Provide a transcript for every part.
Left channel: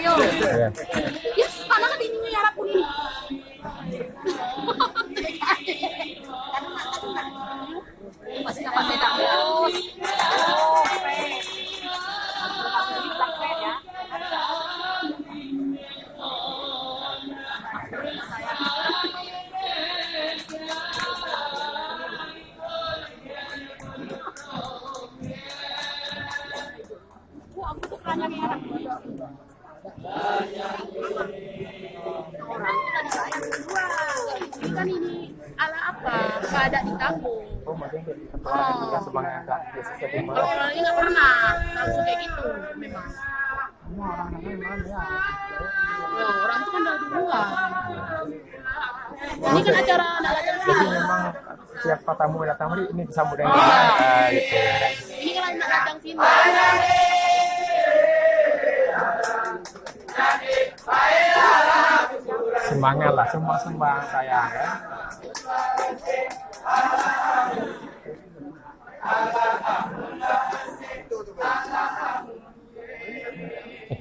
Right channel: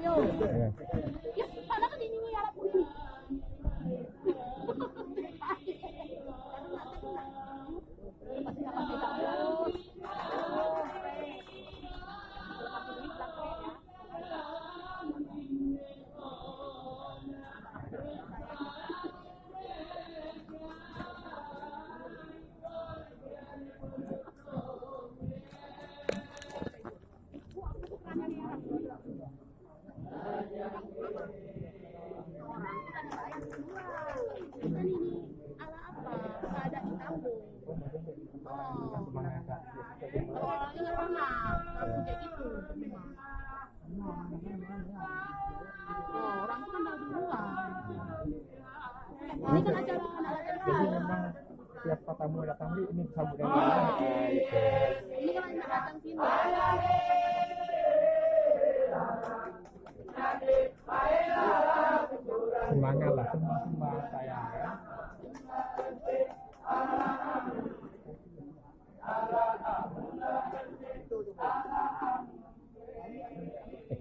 Rio. Iya. Ya, karena kan ini nyarap ini. Masih kapasnya terus. Orang itu tadi saya berdua. Ini kan ini ala apa? Nggak ada di kampung. Oh, maksudnya kayak orang yang tidak semangat agak biasa saja. Kalau orang ini nggak pernah langsung kayak gitu memang. Oh, orang itu kan dari duluan. Ini kan acara anak lajang Jadi sini. memang siapa tamu yang datang ini disambut dengan gitu. Ini kan anak lajang sini. Semangat lah, sumbang saya ya.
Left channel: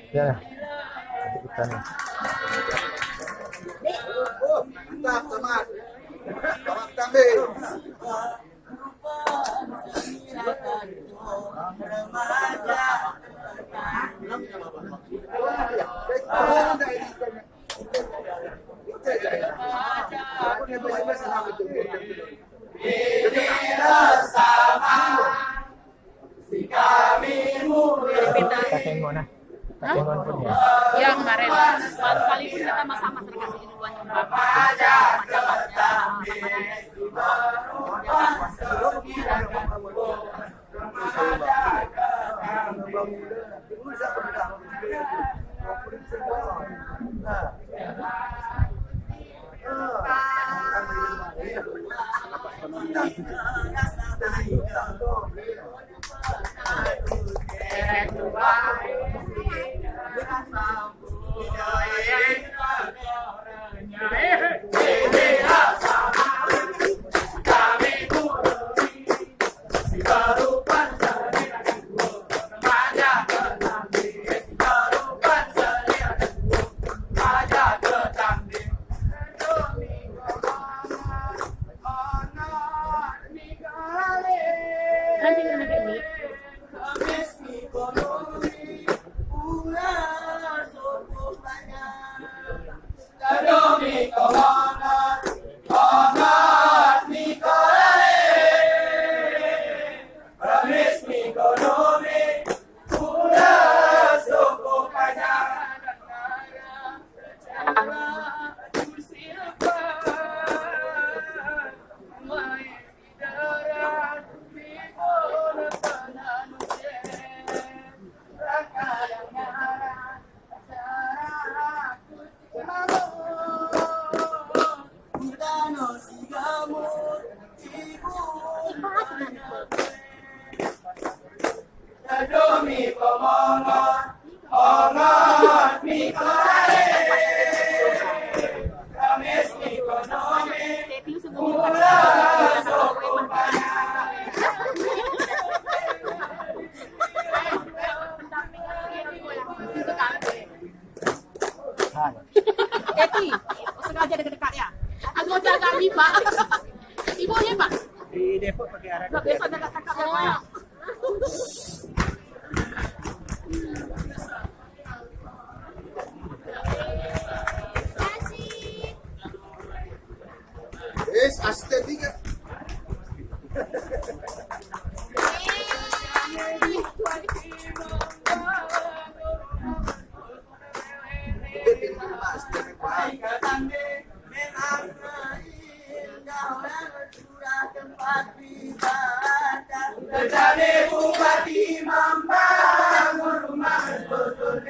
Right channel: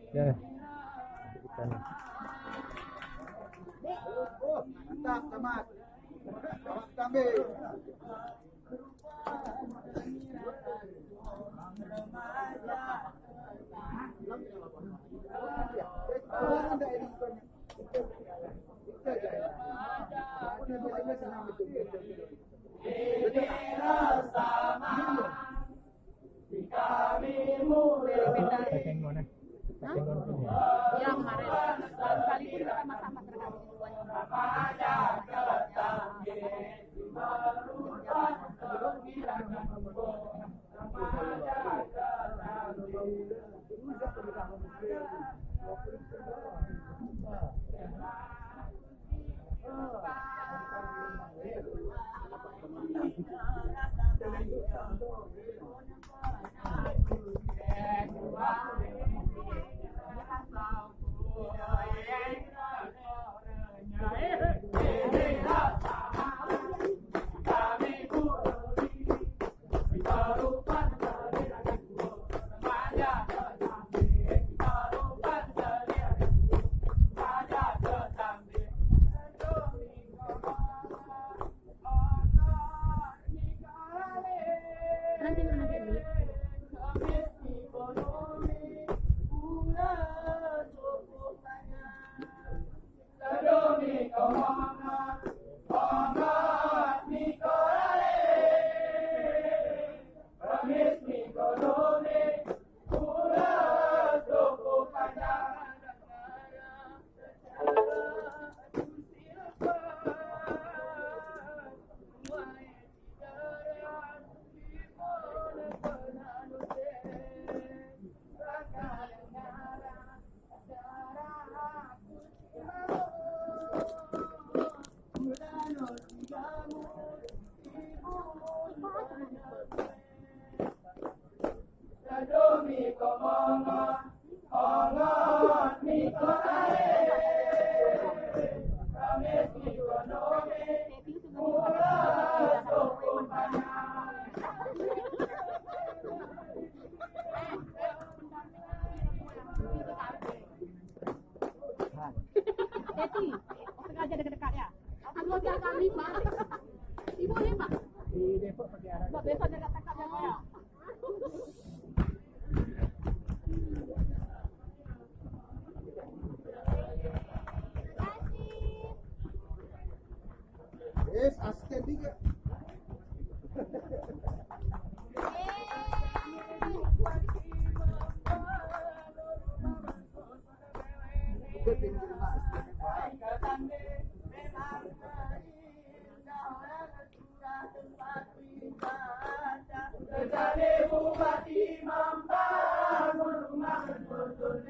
Ya, kita nih. Mantap, Camat. Camat kambing. Takengon nah. Takengon pun ya. Yang kemarin baru kali pun kita sama-sama kasih duluan nyoba macam-macamnya. Nanti kita pakai mic. Eti, sengaja dekat-dekat ya. Anggota kami, Pak. Ibunya, Pak. Di Depok pakai arah. Nggak biasa dekat kakak yang banyak. Estetika. Bupati membangun rumah bersusun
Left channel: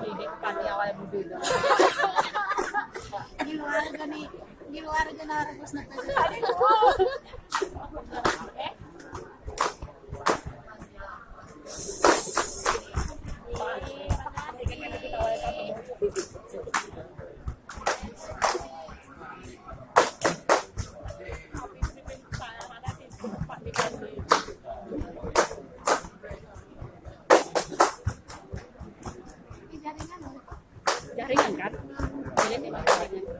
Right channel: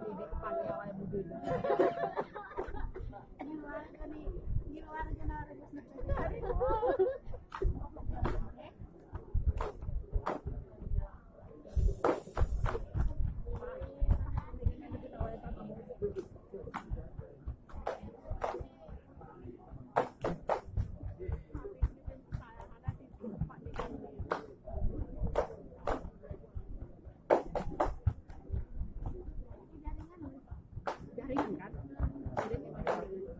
Ini pani awal berbeda. Di luar gana harus na Jaringan kan? Jaringan di mana jaringan?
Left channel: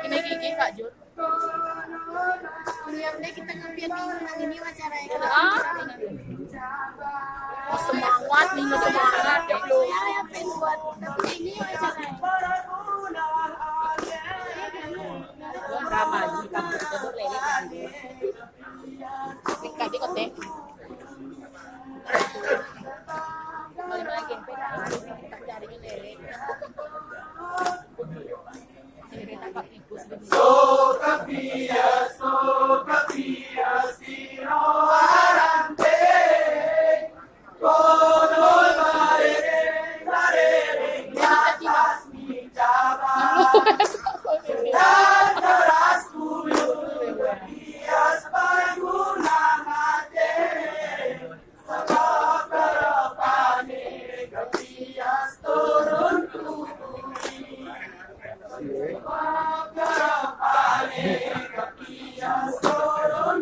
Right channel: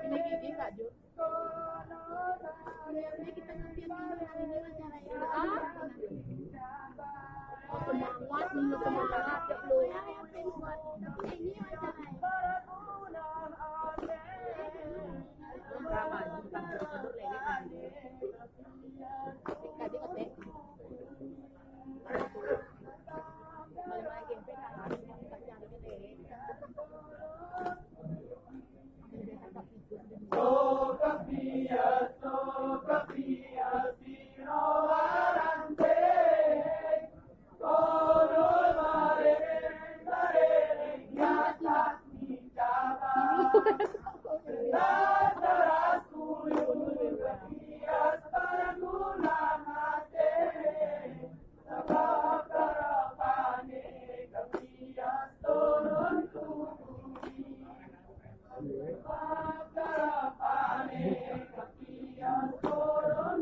Ini gigi Kak Jun. Udah kita ngambil minggu ini wawancara ya. Oh, semangat minggu semangat ya lu. Ya pengen buat tapi ini wawancara. Drama di kampus itu lele kan. Dekat di kote. Balik lagi peta kita cari lele. Ini tak tikus begini. Sokapia, sino arante, konon marere, nyatas mi jaba, dan keras kuyuk, hias paguna mate, sebab kerapane, kepias turun tukuri, sebab kerapane, kepias turun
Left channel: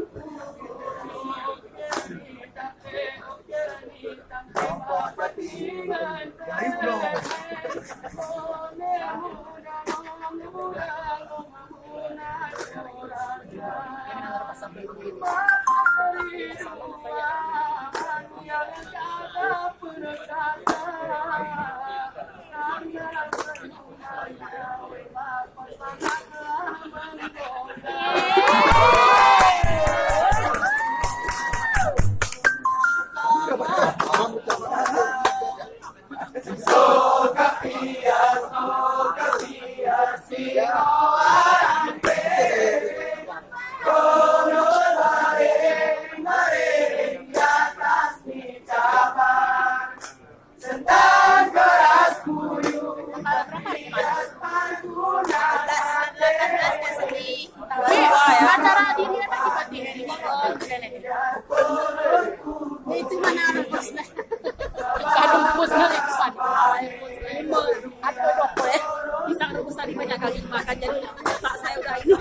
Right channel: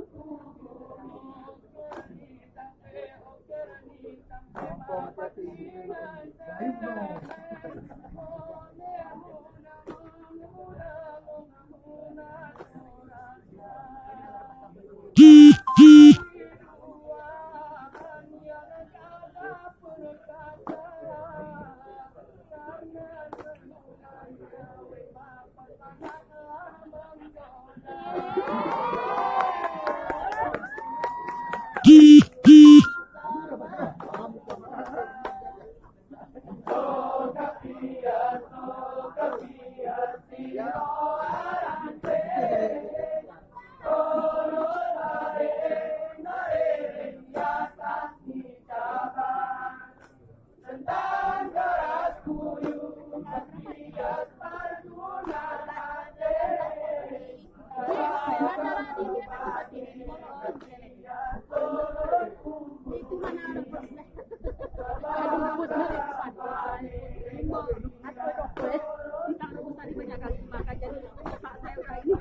Acara diri apa di itu mana ada posnya. Kadung pusna di depan. Atau dokter bisa rebus tadi banyak kali makan jadi tak saya udah ini.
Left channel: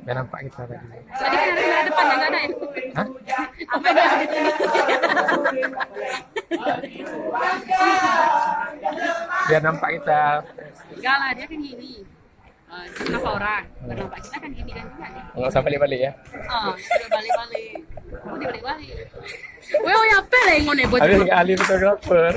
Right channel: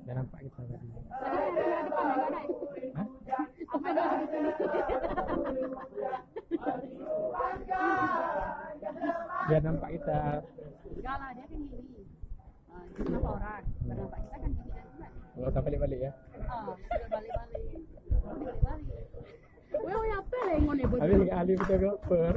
Biar nampak kita tadi. Tadi kan ada depannya nggak ada ya? Hah? Apa yang ada di sini? Biar nampak kita. Enggak lah, dia kan gini. Kenapa orang? Biar nampak kita kan gini kan juga nih. Nggak usah balik-balik ya. Oh, udah balik-balik. Oh, dia balik-balik. Weh, oh ya apa lah yang ngone buat Habis nggak ahli fotografer.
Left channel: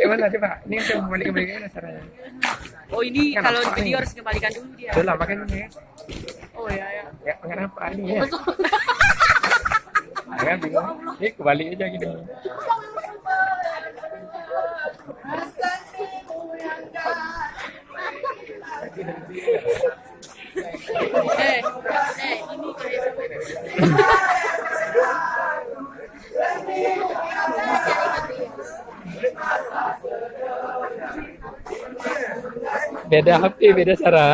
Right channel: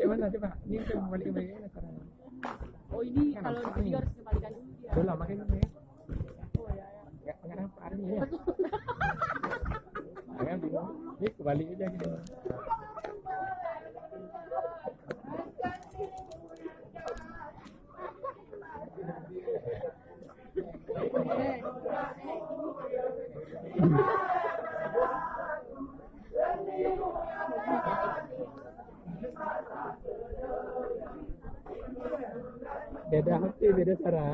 Kayak mana coba? Ini kan coba balik-balik mana caranya? Oh ini Kan kalau nampak di video nih. harus kembalikan dulu dia. Betul lah makanya ini. Oh ya ya. Ya nggak nampak ini ya. Kan bingung. Ini kebalik aja gini. Ini Beda HP, beda cara.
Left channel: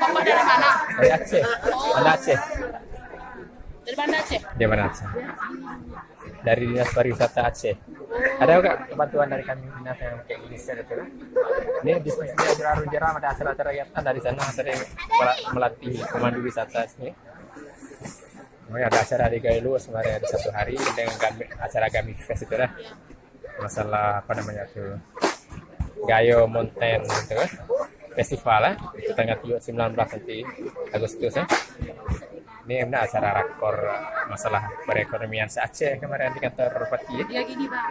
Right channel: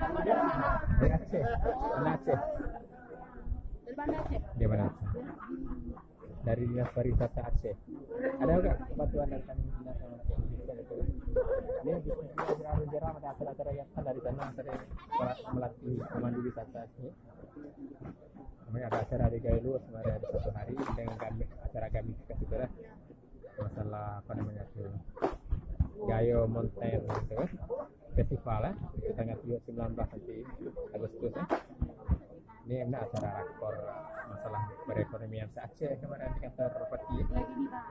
Bapak dari mana? Dari Aceh. Anda Aceh? Dari mana Aceh? Dia mana Aceh? Dari Dinas Pariwisata Aceh. Ada nggak bantuan dari kami dinas yang kayak gini itu? Ini diskusinya jarang ada acara-acara kegiatan dari sana sering melatih pemandu wisata sini. Ada acara di Gailu kemarin ada 1 hari dengan acara kami fest itu lah. Masalah apa namanya tuh Gayo Mountain gitu kan. Festival lah itu tanggal 19 nanti Agustus ya. Ini benar acara rakor masalah perekonomian se-Aceh kemarin di kantor Bupati. Dia gini bang,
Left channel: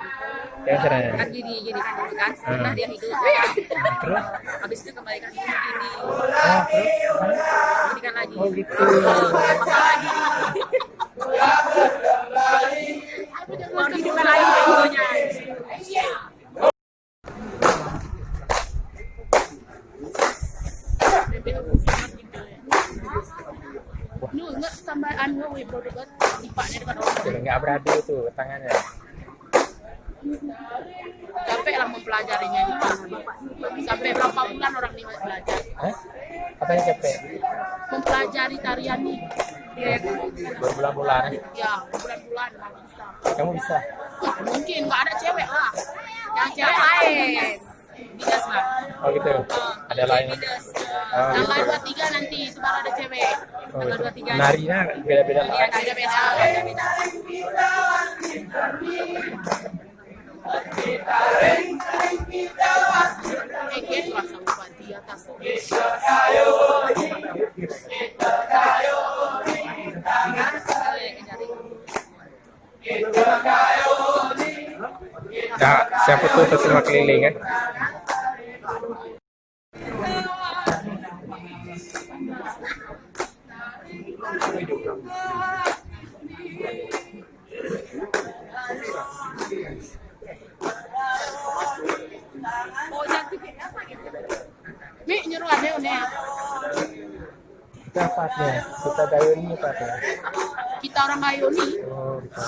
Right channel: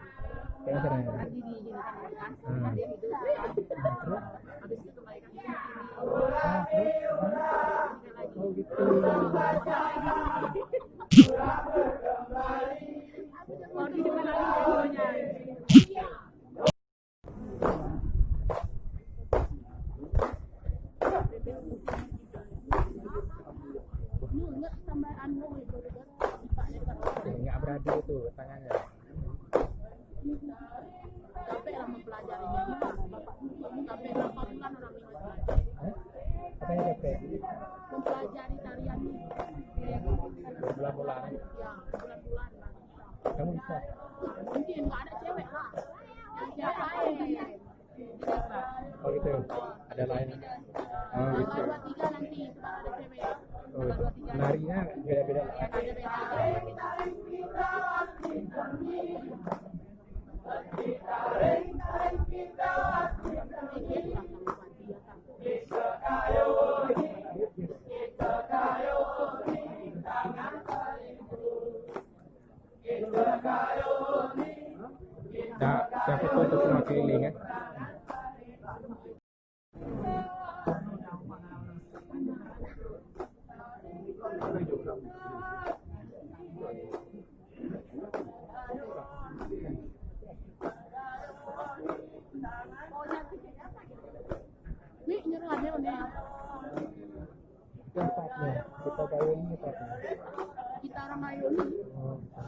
Ya caranya. kan gini kan dulu kan, setelah dia hidup, Terus? habis itu kembali kan ini, Oh, terus? ini kan lagi. Oh gitu. Masalah gini. Mau hidupkan lagi videonya. Nu enggak sampai anu we produk tipaknya dekat orang. Jadi nggak beradu tuh tangannya. Capek lah mempelajarinya di sampai berapa bulan orang ini belajar Hah? Apa yang capek? mempelajari tarian ini. Ya, Berbulan-bulan. ya bulan-bulan lah bisa. Kamu bisa? Ya, mungkin nggak ada cewek lah. Yang cewek lain. Bidas lah. Oh gitu. Ada lain. Bidas. Oh, Tanggal gitu. 23 nanti itu baru ada cewek. Oh, Tanggal gitu. 23. Narinya beda-beda Iya, lah. beda-beda. Gitu lah sama Bupati atas. Nah, siapa tuh terima keliling kan? Oh, cantik. Mi nyuruh ada ya. Kita partnya. Kita gayo ini partnya. Kita orang Gayo nih. Oh, gitu.